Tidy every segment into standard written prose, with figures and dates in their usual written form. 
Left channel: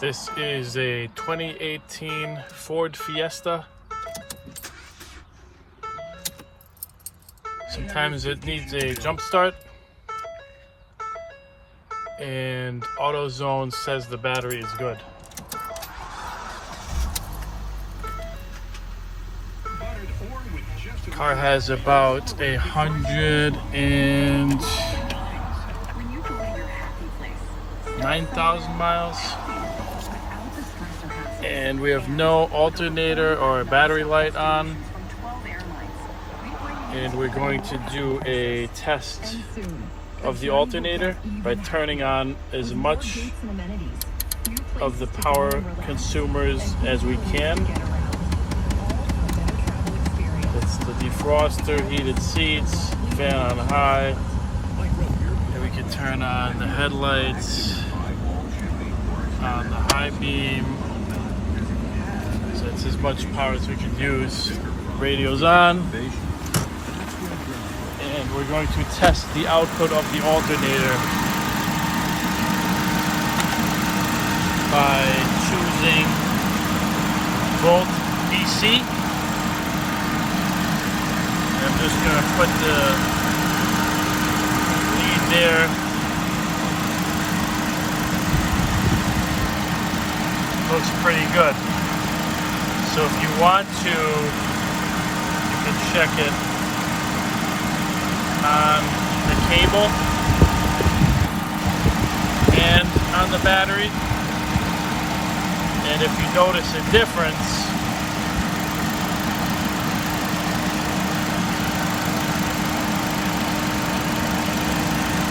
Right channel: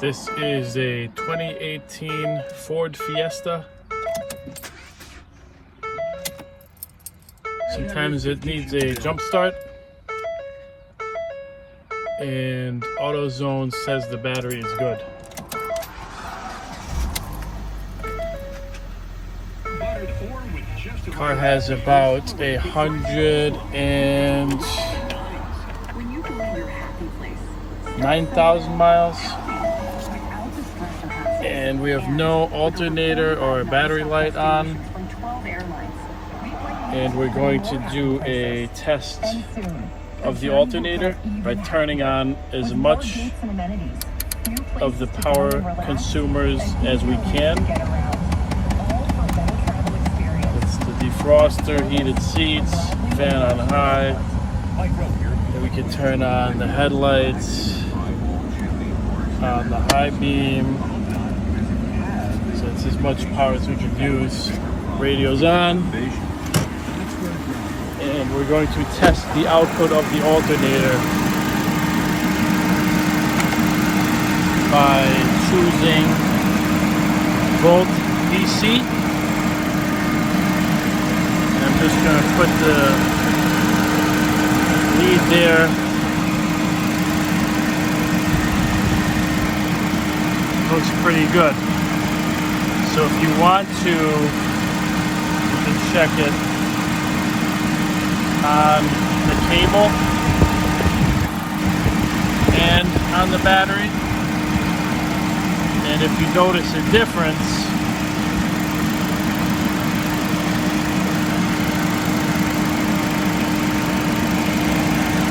This is a 2018 Ford Fiesta. Sometimes it needs a jump start, and Autozone says the battery is good. The car has about 109,000 miles, and we have no alternator or battery light on, and we're going to do a test of the alternator by turning on as much of the power consumers as we can. It's the defroster, heated seats, fan on high, and we can turn on the headlights on the high beam, so it's as much power as we can use. Radio's on, and we're going to test the output of the alternator by choosing volt DC. I'm just going to put the lead there. Looks pretty good. So if you want to, you can check it on the cable and on the battery. And if you notice a difference,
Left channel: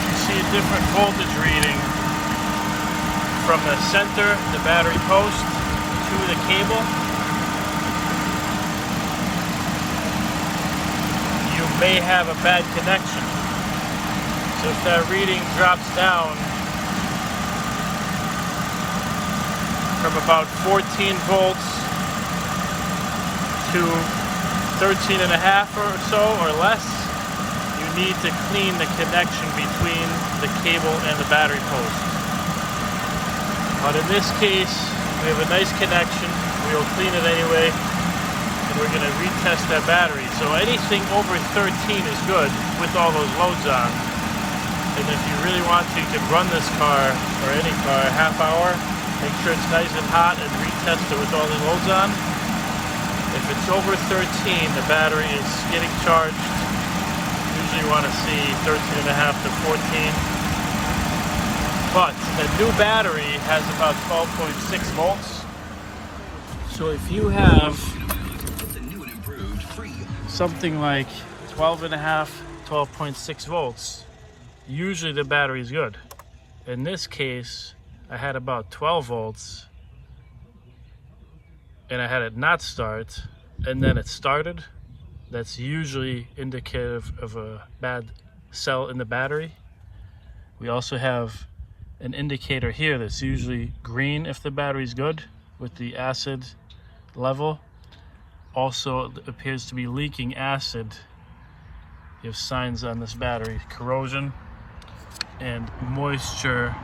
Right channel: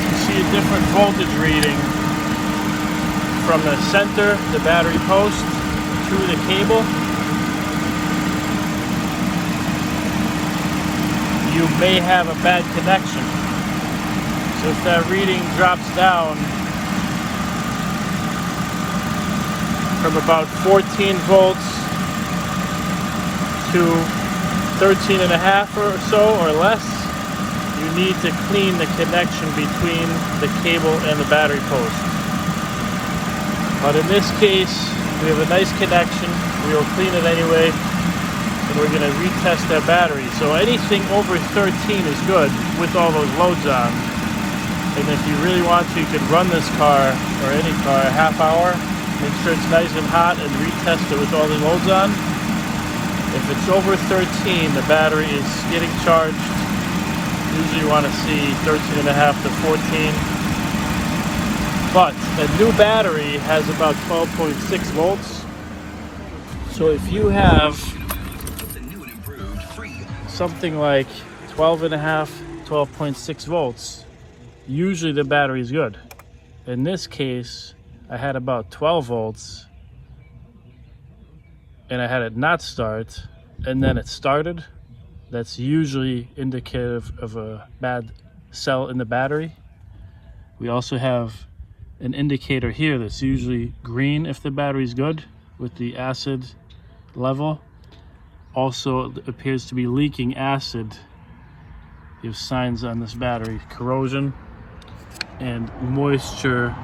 you see a different voltage reading from the center, the battery post, to the cable. You may have a bad connection. So if that reading drops down from about 14 volts to 13 and a half or so or less, you need to clean the connection between the cable and the battery post. But in this case, we have a nice connection. We will clean it anyway, and we're going to retest our battery. So anything over 13 is good with all those loads on. And if you really want to, you can run this car, or any car, a half hour, make sure it's nice and hot, and retest it with all the loads on. If it's over 13, the battery is getting charged. Usually you want to see 13 and a half to 14. But a new battery has about 12.6 volts. So if you have something like 12 and a half, 12.6 volts, usually the battery is good. In this case, I had about 12 volts, and I had it not start, and then it started. That's usually indicative of a bad cell in the battery. We also have an indicator here that's usually green if the battery's good with the acid level. Also, it appears to be leaking acid. You have signs on this battery: corrosion and moisture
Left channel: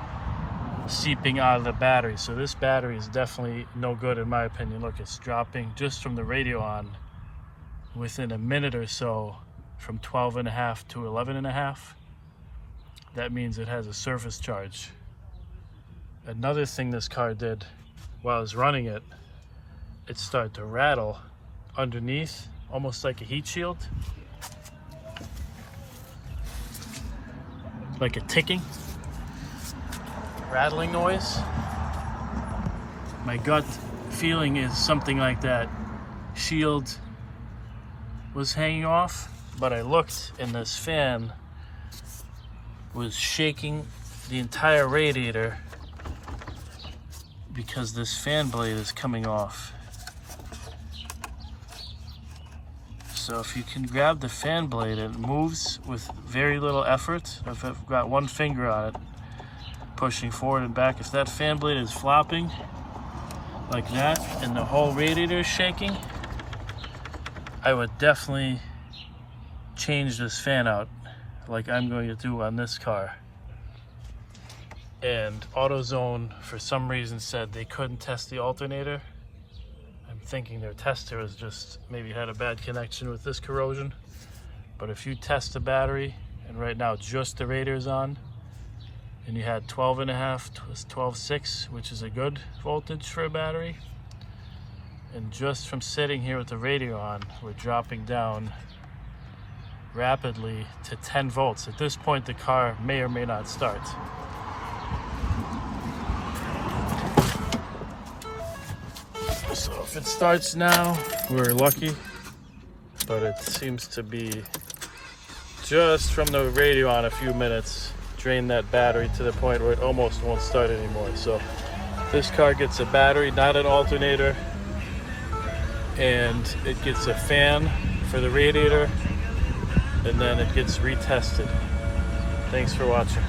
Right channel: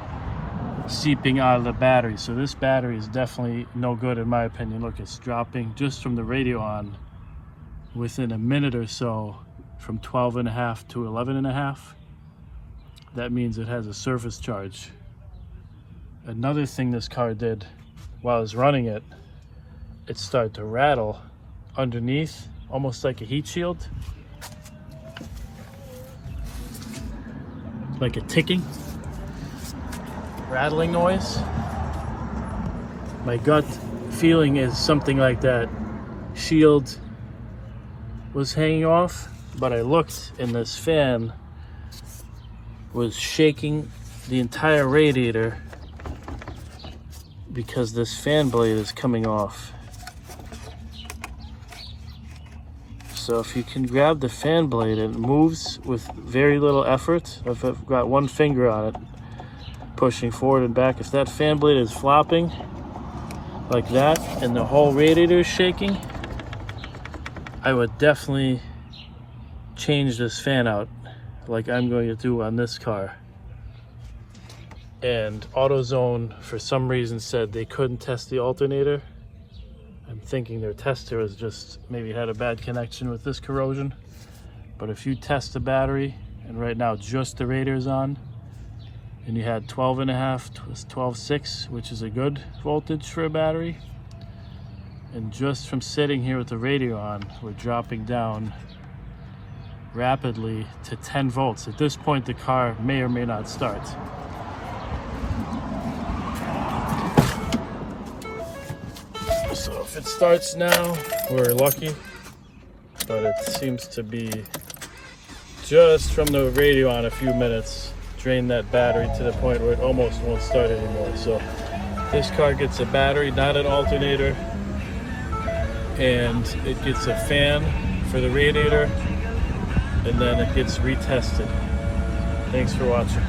seeping out of the battery. So this battery is definitely no good in my opinion. Look, it's dropping just from the radio on within a minute or so from 12 and a half to 11 and a half. That means it has a surface charge. Another thing this car did while I was running it, it started to rattle underneath, almost like a heat shield, like a ticking, rattling noise. My gut feeling is something like that shield was hanging off, but I looked and this fan was shaking the entire radiator because this fan blade is coming off. So if you can grab the fan blade, it moves with very little effort. If I've got one finger on it, pushing forward and back, if that fan blade is flopping like that and the whole radiator is shaking, I would definitely change this fan out like I'm going to do on this car. and Autozone for some reason said they couldn't test the alternator. I'm thinking their tester has just maybe had a bad connection with this corrosion. But if you test the battery, and right now just the radiator's on, and you had 12.5, 12.6, which is a good voltage for a battery, and just from sitting here with the radio on, we're dropping down rapidly to 10 volts. At this point, the car may or may not start. So if it starts now, we're lucky, but it seems to be just from the radio on a few minutes, drain that battery to the point where it almost won't start anymore. So this car gets a battery, not an alternator, and it gets a fan for the radiator, and then it gets retested. Thanks for watching.